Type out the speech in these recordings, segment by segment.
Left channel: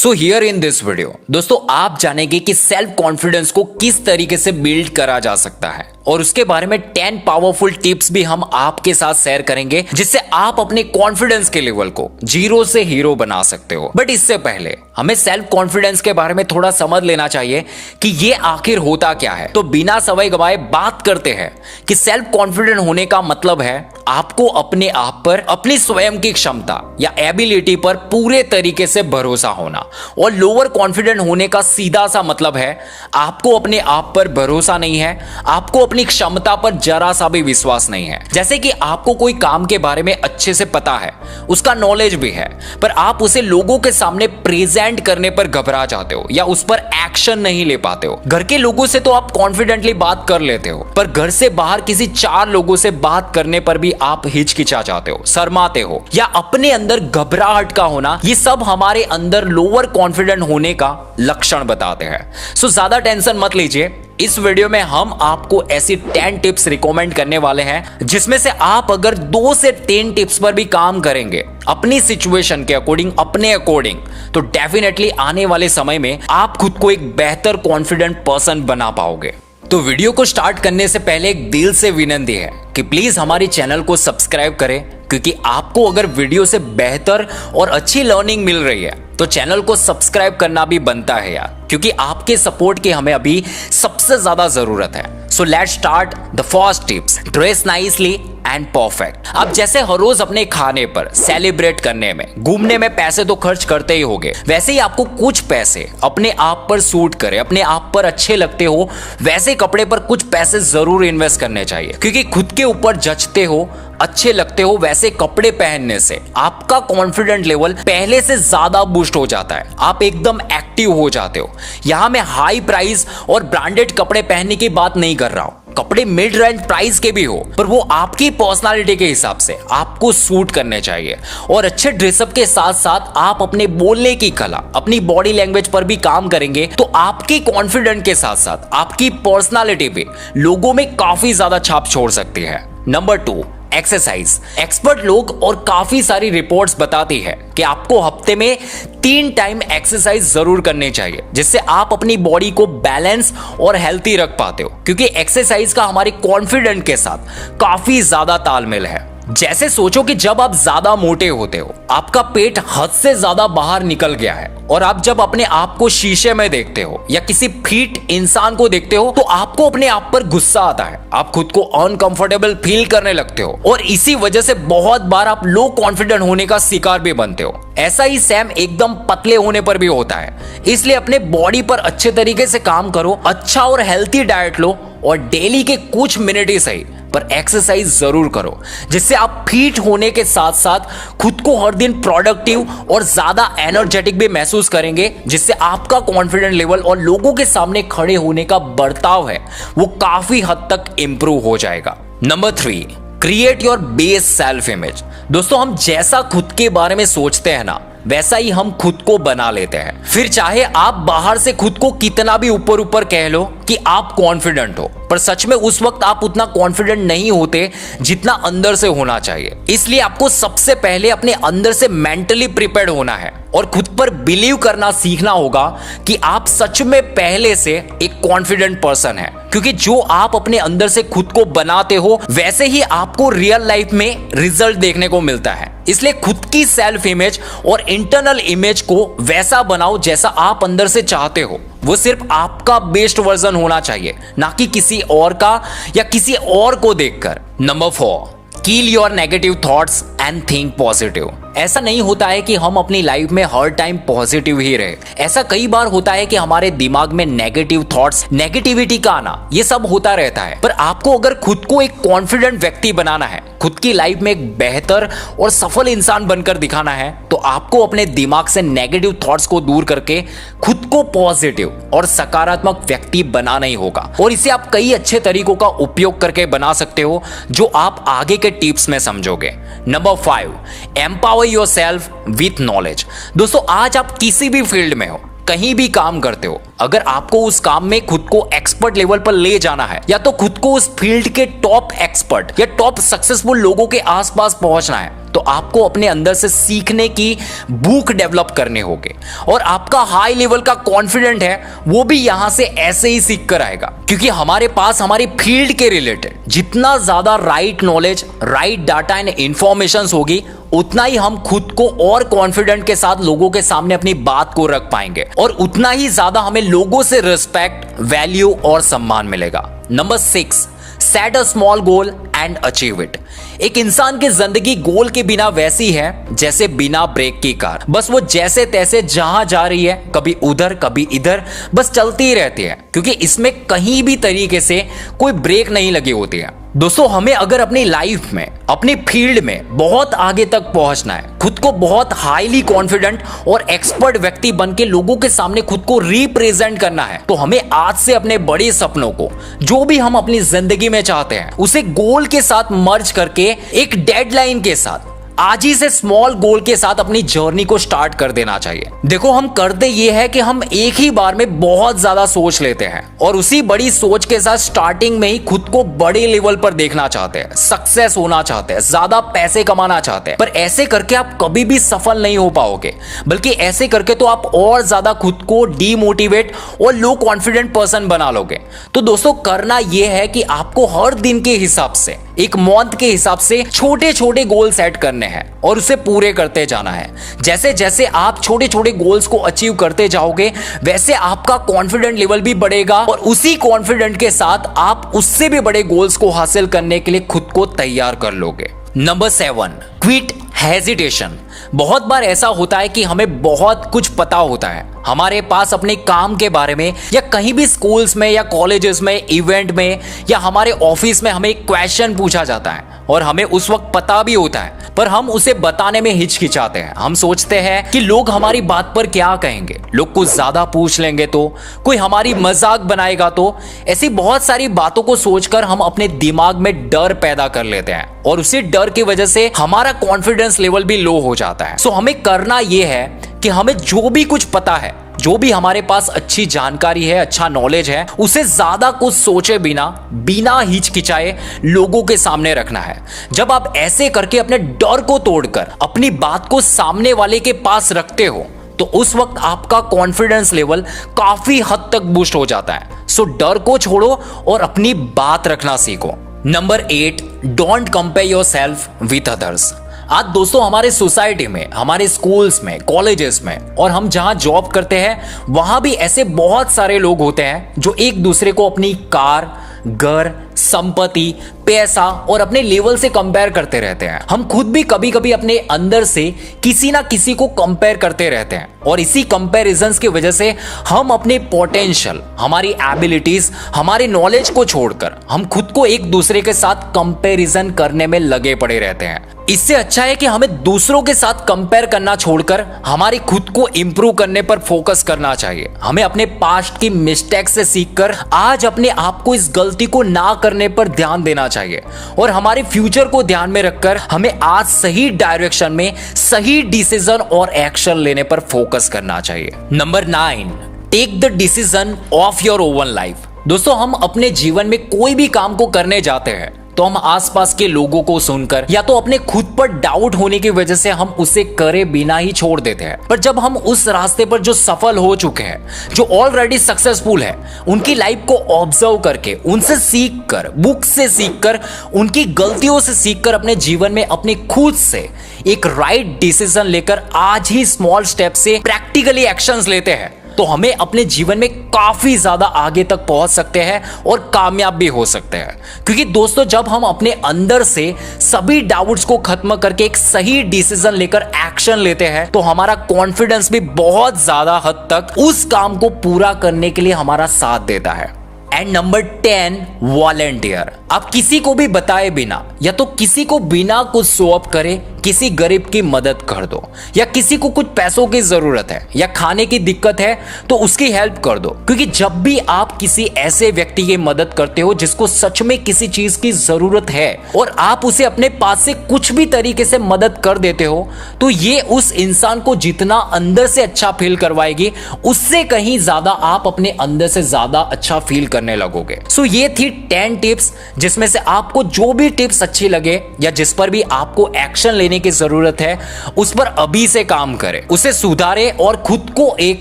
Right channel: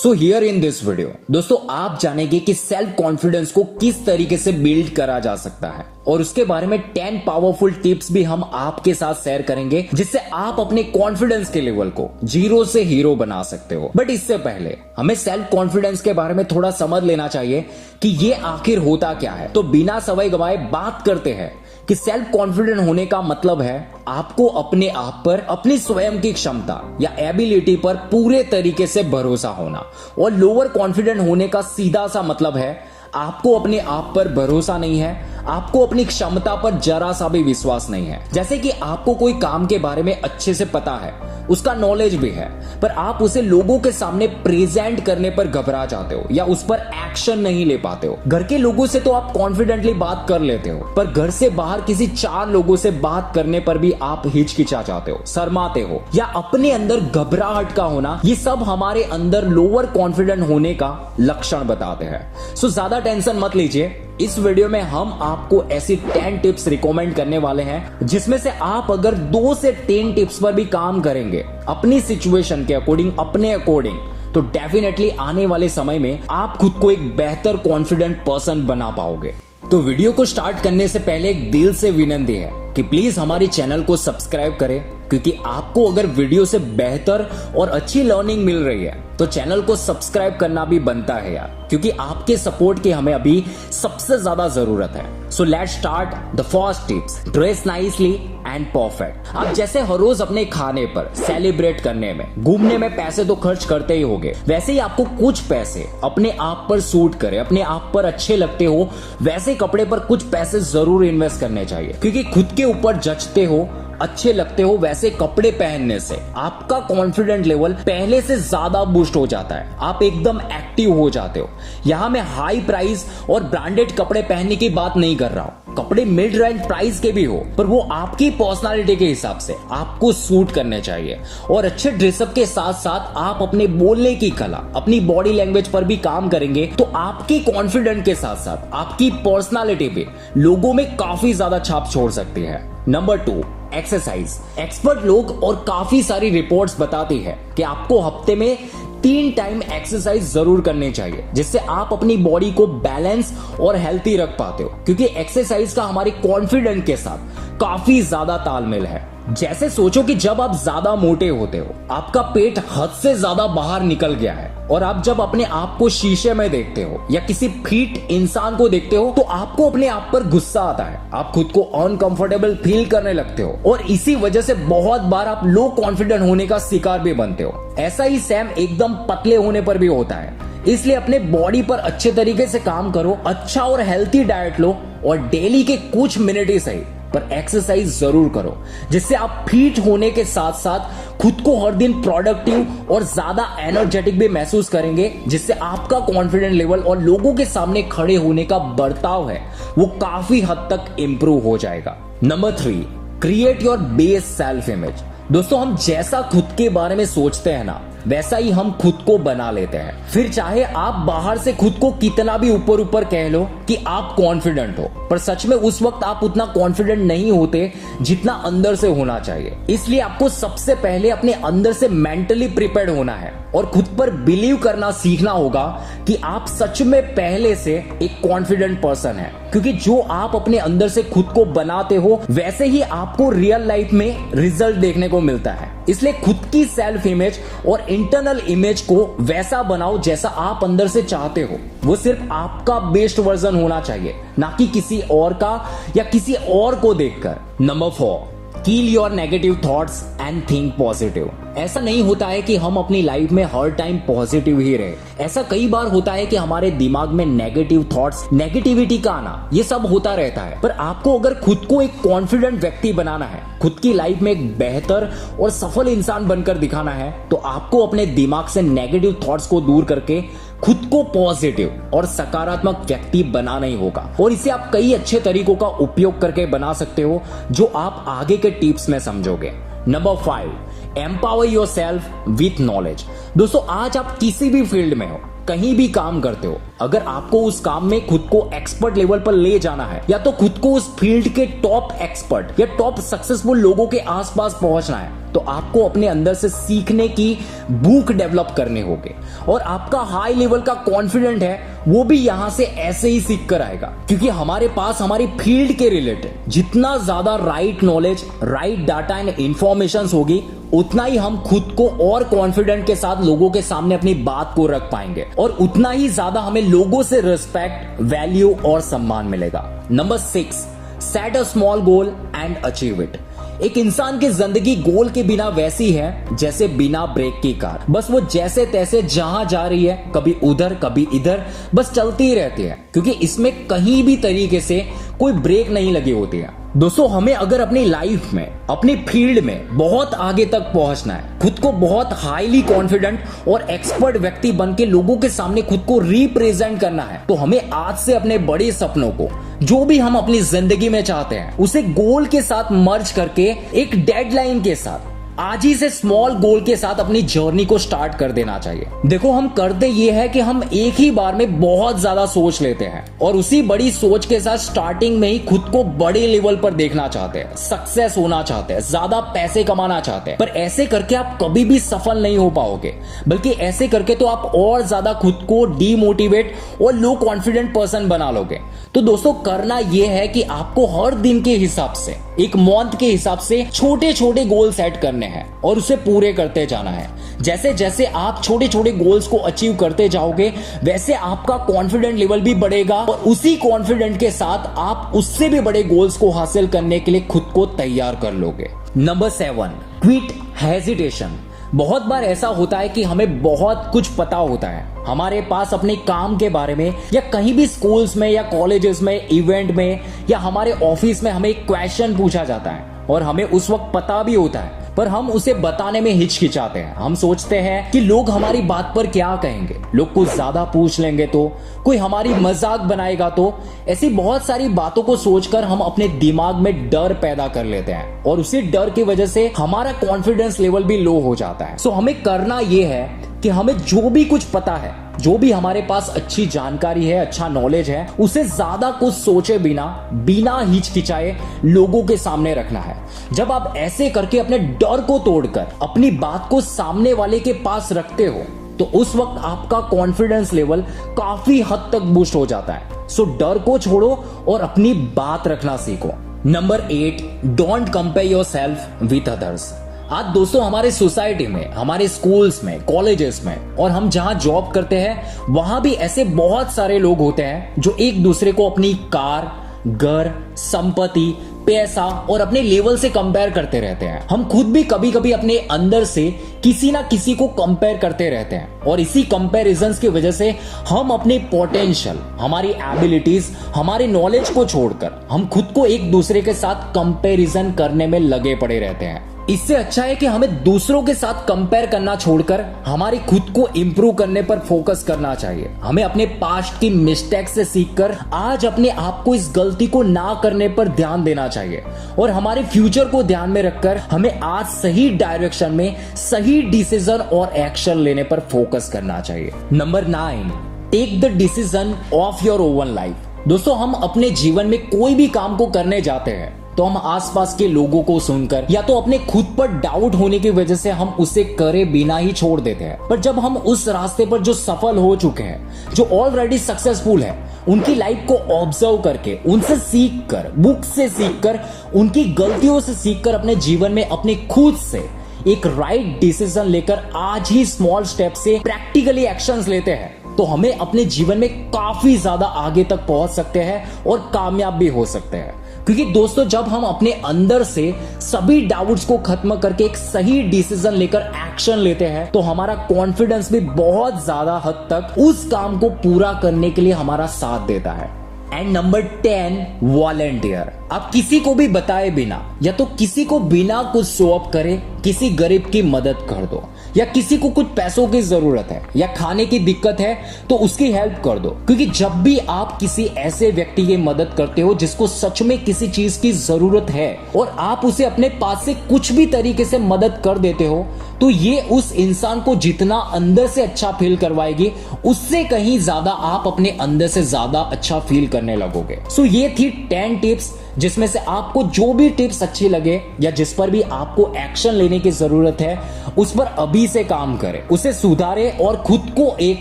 So here in this video दोस्तों आप जानेंगे कि सेल्फ कॉन्फिडेंस को किस तरीके से बिल्ड करा जा सकता है और उसके बारे में 10 पावरफुल टिप्स भी हम आपके साथ शेयर करेंगे जिससे आप अपने कॉन्फिडेंस के लेवल को जीरो से हीरो बना सकते हो। बट इससे पहले हमें सेल्फ कॉन्फिडेंस के बारे में थोड़ा समझ लेना चाहिए कि ये आखिर होता क्या है। तो बिना समय गवाए बात करते हैं कि सेल्फ कॉन्फिडेंट होने का मतलब है आपको अपने आप पर, अपनी स्वयं की क्षमता या एबिलिटी पर पूरे तरीके से भरोसा होना। और लोअर कॉन्फिडेंट होने का सीधा सा मतलब है आपको अपने आप पर भरोसा नहीं है, आपको अपनी क्षमता पर जरा सा भी विश्वास नहीं है। जैसे कि आपको कोई काम के बारे में अच्छे से पता है, उसका नॉलेज भी है, पर आप उसे लोगों के सामने प्रेजेंट करने पर घबरा जाते हो या उस पर एक्शन नहीं ले पाते हो। घर के लोगों से तो आप कॉन्फिडेंटली बात कर लेते हो, पर घर से बाहर किसी 4 लोगों से बात करने पर भी आप हिचकिचा जाते हो, शर्माते हो या अपने अंदर घबराहट का होना, ये सब हमारे अंदर लोअर कॉन्फिडेंट होने का लक्षण बताते हैं। सो ज्यादा टेंशन मत लीजिए, इस वीडियो में हम आपको ऐसी 10 टिप्स रिकमेंड करने वाले हैं जिसमें से आप अगर 2 से 3 टिप्स पर भी काम करेंगे अपनी सिचुएशन के अकॉर्डिंग, अपने अकॉर्डिंग, तो डेफिनेटली आने वाले समय में आप खुद को एक बेहतर कॉन्फिडेंट पर्सन बना पाओगे। तो वीडियो को स्टार्ट करने से पहले एक दिल से विनती है कि प्लीज हमारे चैनल को सब्सक्राइब करें, क्योंकि आपको अगर वीडियो से बेहतर और अच्छी लर्निंग मिल रही है तो चैनल को सब्सक्राइब करना भी बनता है यार, क्योंकि आपके सपोर्ट की हमें अभी सबसे ज्यादा जरूरत है। So let's start the first tips, dress nicely and perfect. आप जैसे हर रोज अपने खाने पर, सेलिब्रेट करने में, घूमने में पैसे तो खर्च करते ही होगे, वैसे ही आपको कुछ पैसे अपने आप पर सूट करे, अपने आप पर अच्छे लगते हो, वैसे कपड़े पर कुछ पैसे जरूर इन्वेस्ट करने चाहिए, क्योंकि खुद के ऊपर जचते हो, अच्छे लगते हो, वैसे कपड़े पहनने से आपका कॉन्फिडेंट लेवल पहले से ज्यादा बूस्ट हो जाता है, आप एकदम एक्टिव हो जाते हो। यहां मैं हाई प्राइस और ब्रांडेड कपड़े पहनने की बात नहीं कर रहा हूं, कपड़े मिड रेंज प्राइस के भी हो, पर वो आपकी पर्सनालिटी के हिसाब से आपको सूट करने चाहिए। और अच्छे ड्रेसअप के साथ साथ आप अपने बोलने की कला, अपनी बॉडी लैंग्वेज पर भी काम करेंगे तो आपकी कॉन्फिडेंट के साथ साथ आपकी पर्सनालिटी भी लोगों में काफी ज्यादा छाप छोड़ सकती है। Number 2, exercise. एक्सपर्ट लोग और काफी सारी रिपोर्ट्स बताती है कि आपको हफ्ते में 3 टाइम एक्सरसाइज जरूर करनी चाहिए, जिससे आप अपनी बॉडी को बैलेंस और हेल्थी रख पाते हो, क्योंकि एक्सरसाइज का हमारे कॉन्फिडेंट के साथ काफी ज्यादा तालमेल है। जैसे सोचो कि जब आप ज्यादा मोटे होते हो, आपका पेट हद से ज्यादा बाहर निकल गया है, और आप जब अपने आप को शीशे में देखते हो या किसी फिट इंसान को देखते हो तो आपको अपने आप पर गुस्सा आता है, आप खुद को अनकंफर्टेबल फील करने लगते हो, और इसी वजह से बहुत बार आप लो कॉन्फिडेंट होने का शिकार भी बनते हो। ऐसा ही सेम एकदम पतले होने पर भी होता है। इसलिए अपने बॉडी पर अच्छे तरीके से काम करो, अच्छा और हेल्थी डाइट लो, और डेली के कुछ मिनट ही सही पर एक्सरसाइज जरूर करो, जिससे आप फिट होने के साथ साथ खुद को हर दिन प्रोडक्टिव और ज्यादा एनर्जेटिक भी महसूस करेंगे, जिससे आपका कॉन्फिडेंट लेवल और लोगों के सामने खड़े होने का बर्ताव है वो काफी हद तक इंप्रूव हो जाएगा। Number 3, create your base self image. दोस्तों हम जैसा खुद के बारे में सोचते हैं ना, वैसा ही हम खुद को बना लेते हैं। फिर चाहे आप बाहर से खुद को कितना भी ऊपर ऊपर कह लो कि आप कॉन्फिडेंट हो, पर सच में उस वक्त आप उतना कॉन्फिडेंट नहीं होते जितना अंदर से होना चाहिए। इसलिए आपको सबसे पहले अपने अंदर से मेंटली प्रिपेयर्ड होना है और खुद पर बिलीव करना सीखना होगा कि आप सच में पहले से एक कॉन्फिडेंट पर्सन है, क्योंकि जो आप अपने अंदर से खुद को बनाते हो वैसे ही आपको रियल लाइफ में रिजल्ट देखने को मिलता है। इसलिए खुद की सेल्फ इमेज और इंटरनल इमेज को वैसा बनाओ जैसा आप अंदर से चाहते हो। वो सिर्फ आपका बेस्ट वर्जन होना चाहिए, ना कि किसी और का या किसी और को देखकर। Number 4, kill your negative thoughts and think positive. ऐसा नहीं होता है कि हम अपनी लाइफ में हर टाइम पॉजिटिव ही रहे। ऐसा कई बार होता है कि हमारे दिमाग में नेगेटिव थॉट्स, नेगेटिविटी का आना, ये सब होता रहता है। पर आपको अगर खुद को एक कॉन्फिडेंट व्यक्ति बनाना है, खुद की लाइफ में एक बेहतर और सफल इंसान बनकर दिखाना है, तो आपको अपने दिमाग से नेगेटिव थॉट्स को दूर करके खुद को पॉजिटिव और सकारात्मक व्यक्ति बनाना ही होगा। और इसे आप कई अच्छे तरीकों का उपयोग करके बना सकते हो, जो आप आगे के टिप्स में समझोगे। Number 5, empower yourself with knowledge. दोस्तों आज आप किसी भी फील्ड में हो, कहीं भी काम करते हो, अगर आपको उस काम में खुद को एक्सपर्ट लेवल पर ले जाना है या तो खुद को उस फील्ड के टॉप एक्सपर्ट या टॉप सक्सेसफुल लोगों के आसपास पहुंचना है, तो आपको अपने अंदर से सीखने की भूख डेवलप करने होगे। और आपका हाई लेवल का कॉन्फिडेंट है वो भी यहां से ऐसे ही सीख कर आएगा, क्योंकि हमारे पास हमारी फील्ड के रिलेटेड जितना ज्यादा right knowledge, right data and information होगी, उतना ही हम खुद को और कॉन्फिडेंट के साथ लोगों के सामने अपनी बात को रख पाएंगे और उतना ही ज्यादा हमें लोगों से रिस्पेक्ट, वैल्यू और सम्मान मिलेगा। Number 6, set a small goal and achieve it. एक इंसान की जिंदगी गोल के बिना वैसी है जैसे बिना ब्रेक की कार, बस वो जैसे तैसे जहां जा रही है, कभी उधर कभी इधर, बस चलती ही रहती है, क्योंकि इसमें कहीं भी तरीके से कोई ब्रेक नहीं लगी होती है। दोस्तों, हमें अगर अपनी लाइफ में, अपनी फील्ड में बहुत आगे तक पहुंचना है, खुद को बहुत हाईली कॉन्फिडेंट और एक्सपर्ट व्यक्ति बन के लोगों के सामने खुद को रिप्रेजेंट करना है, तो हमें आज से अपने बड़े सपनों को, जो भी हम अपनी जिंदगी में चाहते हैं, उसे गोल के साथ मर्ज करके एक डेडलाइन के साथ आज ही से स्मॉल गोल के साथ अपनी जर्नी को स्टार्ट कर देना चाहिए। देखो, हम करते ये है कि हम एक ही बार में बहुत ज्यादा सोच लेते हैं और उसी बड़ी सोच के साथ स्टार्टिंग में ही खुद को बड़े लेवल पर देखना चाहते हैं, सक्सेस होना चाहते हैं, ज्यादा पैसे कमाना चाहते हैं, पर ऐसे करके आप कभी भी सफल नहीं हो पाओगे, बल्कि ऐसे करके तो आप और ज्यादा खुद को डीमोटिवेट और लो कॉन्फिडेंट पर्सन बना लोगे। तो दोस्तों, करना यह है कि आपको हर दिन के हिसाब से, एक मंथ के हिसाब से छोटे छोटे गोल सेट करने हैं और उसे पूरे करते जाना है। जैसे जैसे आप छोटे छोटे गोल्स को अचीव करते जाओगे, वैसे आपका कॉन्फिडेंट लेवल भी बढ़ेगा और उसी कॉन्फिडेंट के साथ आप उससे भी बड़े गोल्स को हासिल करने के लिए खुद को तैयार कर लोगे। Number 7, quit hesitation. बहुत बार ऐसा होता है कि हमें बहुत कुछ पता होता है, हमारे पास अपने काम के बारे में, या कहीं भी स्कूल्स में या कॉलेजेस में, इवेंट में या हमारे ऑफिस में हमें एक क्वेश्चन पूछा जाता है और हमें उस वक्त पता भी होता है, पर हम उसे बताने में हिचकिचाते हैं। हम सोचते हैं कि लोग हमारी बात पर क्या कहेंगे, लोग कुछ ज्यादा पूछ लेंगे तो, कोई हमारी मजाक बनाएगा तो। ऐसी बहुत सारी बातों को सोचकर हम अपने दिमाग में डर पैदा कर लेते हैं और उसी डर की वजह से हमारा कॉन्फिडेंस लेवल भी लो हो जाता है। सो हमें करना यह है कि हमें जो भी कुछ पता है, जो भी हमारे पास अच्छी जानकारी है, अच्छा नॉलेज है, उसे ज्यादा कुछ सोचे बिना हिचकिचाए लोगों के सामने रखना है। जब आप ऐसे करके अपने डर को तोड़कर अपनी बात को सामने वाले के पास रखते हो, तो उस वक्त आपका कॉन्फिडेंस लेवल काफी हद तक बूस्ट हो जाता है। सो डर को छोड़ो और अपनी बात रखना सीखो। Number 8, don't compare yourself with others. आज दोस्तों, हमारे सोसाइटी में, हमारे स्कूल्स में, कॉलेजेस में और हम जहां जॉब करते हैं, वहां भी ऐसे बहुत सारे लोग होते हैं जो एक दूसरे को अपनी कार, घर, संपत्ति, पैसा और अपने लेवल से कंपेयर करते रहते हैं। हम खुद भी कभी कभी अपने अंदर से किसी ना किसी को कंपेयर करते रहते हैं और इसी कंपैरिजंस की वजह से हम अपने पोटेंशियल, हमारी एबिलिटीज, हमारे नॉलेज को छोड़कर हम खुद को एक दूसरे के साथ कंपैरिजन करने में लगे पड़े रहते हैं। इससे अच्छा है कि हमें दूसरों के साथ कंपेयर करना छोड़कर हमारी खुद को इंप्रूव करने पर फोकस करना चाहिए। हमें अपने पास्ट की मिस्टेक से सीखकर आज अपने आप को इस गलती को ना करने पर ध्यान देना चाहिए और हमारे फ्यूचर को ध्यान में रखकर हमें आज सही डायरेक्शन में सही डिसीजन और एक्शन लेने पर फोकस करना चाहिए। Number 9, take the decision of your own life. दोस्तों, हम अपने जीवन में कोई भी काम को करने जाते हैं तो हम आसपास के लोगों को सुनकर या तो अपने खुद पर डाउट होने की वजह से हम उसे करे बिना ही छोड़ देते हैं। पर जब हम उस रास्ते पर जो सफल हो चुके हैं, जो ऑलरेडी सक्सेसफुल है, उनकी लाइफ को ऑब्जर्व करके, उनसे सीखकर, बुक से सीखकर, उनकी गलतियों से सीखकर अपने जीवन में अपने खुद से एक राइट डिसीजन लेकर आज ही स्मॉल स्टेप से प्रैक्टिकली एक्शंस लेते हैं, तो हमें अपने जीवन में काफी ज्यादा आगे तक पहुंच सकते हैं और कामयाब भी हो सकते हैं। क्योंकि दोस्तों, जब हम अपने अंदर से सभी डाउट्स को खत्म करके एक सही डिसीजन लेकर एक्शन लेते हैं, तो हमारा कॉन्फिडेंस भी बहुत ज्यादा हद तक उस काम को पूरा करने के लिए हमारा साथ देता है। And number 10, volunteer. आप किसी को भी बताए बिना या तो किसी को बिना कुछ शो अप करे किसी गरीब की मदद कर दो, या किसी को कुछ पैसों की जरूरत है या खाने की दिक्कत है तो उसकी हेल्प कर दो। क्योंकि जब भी आप किसी ऐसे व्यक्ति की मदद करते हो जिसको सच में किसी चीज की जरूरत है और आप उसे अपने पास से कुछ भी तरीके से मदद कर देते हो, तो ये उस इंसान को जितना अंदर से अच्छा फील करवाएगी, उससे कहीं ज्यादा आप अपने अंदर से ज्यादा अच्छा फील करने लगोगे। सो ये थी 10 टिप्स, जिसमें से आपको जो भी टिप्स अच्छी लगे या जिस पर भी आपको एक्शन लेने की जरूरत है, उस पर अभी से काम करें, उसे सुधारे और खुद को एक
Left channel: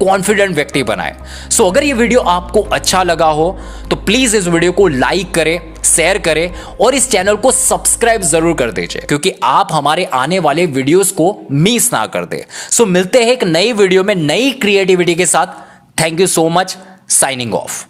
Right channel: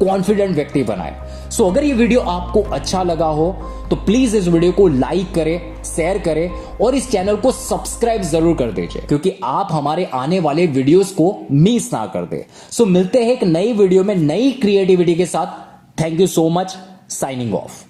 कॉन्फिडेंट व्यक्ति बनाए। सो अगर ये वीडियो आपको अच्छा लगा हो तो प्लीज इस वीडियो को लाइक करें, शेयर करें और इस चैनल को सब्सक्राइब जरूर कर दीजिए, क्योंकि आप हमारे आने वाले वीडियोस को मिस ना कर दे। सो मिलते हैं एक नई वीडियो में नई क्रिएटिविटी के साथ। Thank you so much. Signing off.